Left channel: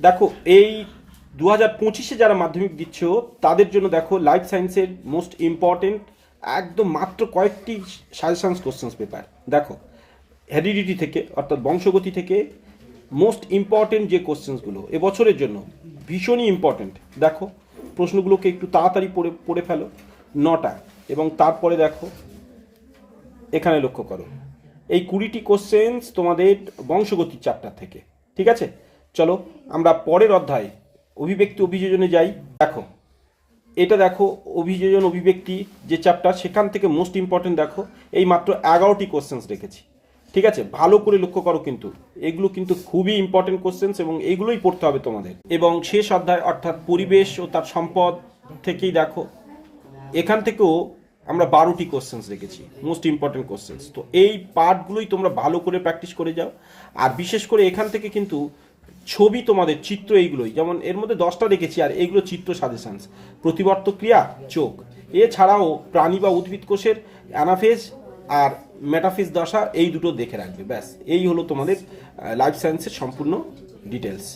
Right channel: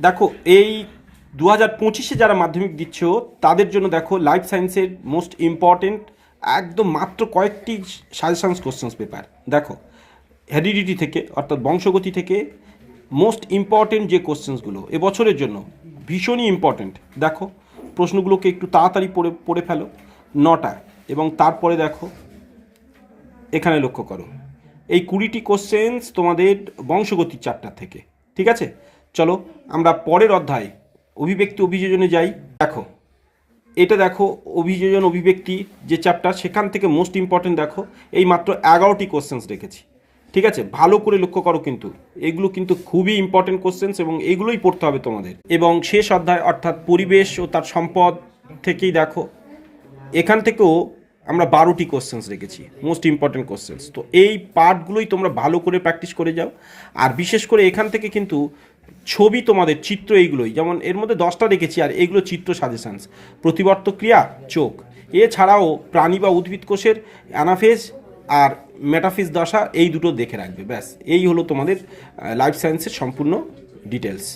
দেখো এই 2025-এ যারা মাধ্যমিক দিচ্ছ তাদের জন্য দেখো লাইফ সায়েন্সের মোস্ট ইম্পর্টেন্ট একদম মাত্র কয়েকটি সাজেশনস কোশ্চেন্স পেপার দেখো। হেরিডিটি থেকে অর্থাৎ বংশগতি থেকে মোস্ট ইম্পর্টেন্ট যে কোশ্চেন্সগুলো এবছরের জন্য ভীষণই ইম্পর্টেন্ট দেখো, প্রশ্নগুলোকে একটু তাড়াতাড়ি পড়ে পড়ে ফেলো। 9টা এবং তারপরে দেখো এখানে লক্ষ্য করো এই 20টি কোশ্চেন্স তোমাদের বংশগতির চ্যাপ্টার থেকে। ঠিক আছে, চলো আমরা পরের অধ্যায় অভিব্যক্তি অভিযোজনে যাই। দেখো এটা দেখো অভিযোজন অভিব্যক্তি যে চ্যাপ্টার সেখান থেকে মোস্ট ইম্পর্টেন্ট দেখো এই মাত্র 11টি কোশ্চেন্স রেখেছি। ঠিক আছে, ভালো করে লক্ষ্য করো, কিন্তু এগুলো কিন্তু খুবই ইম্পর্টেন্ট কোশ্চেন্স এবং এগুলোই পড়তে হবে তোমাদের। এবং শেষ অধ্যায় অর্থাৎ পরিবেশ ও তার সম্পদ থেকেই দেখো এখান থেকেও আমরা 12টি কোশ্চেন্স রেখেছি মোস্ট ইম্পর্টেন্ট কোশ্চেন্স। তো এই পার্টগুলোই তোমরা ভালো করে প্র্যাকটিস করে যাও। আর বিশেষ করে এখান থেকে কিন্তু ছবি তোমাদের চিত্র এইগুলোই, যেমন এর মধ্যে 10টা রেখেছি আর এগুলো চিত্র সাজেশনস। প্রতিবর্ত ক্রিয়া চোখ, এছাড়াও প্রাণী বা উদ্ভিদ কোষের অ্যানাফেজ আর মেটাফিজ দশা, এই দুটো দেখে রাখবে। ব্যাস এই হলো তোমাদের লাইফ সায়েন্সের সম্পূর্ণ ডিটেলস।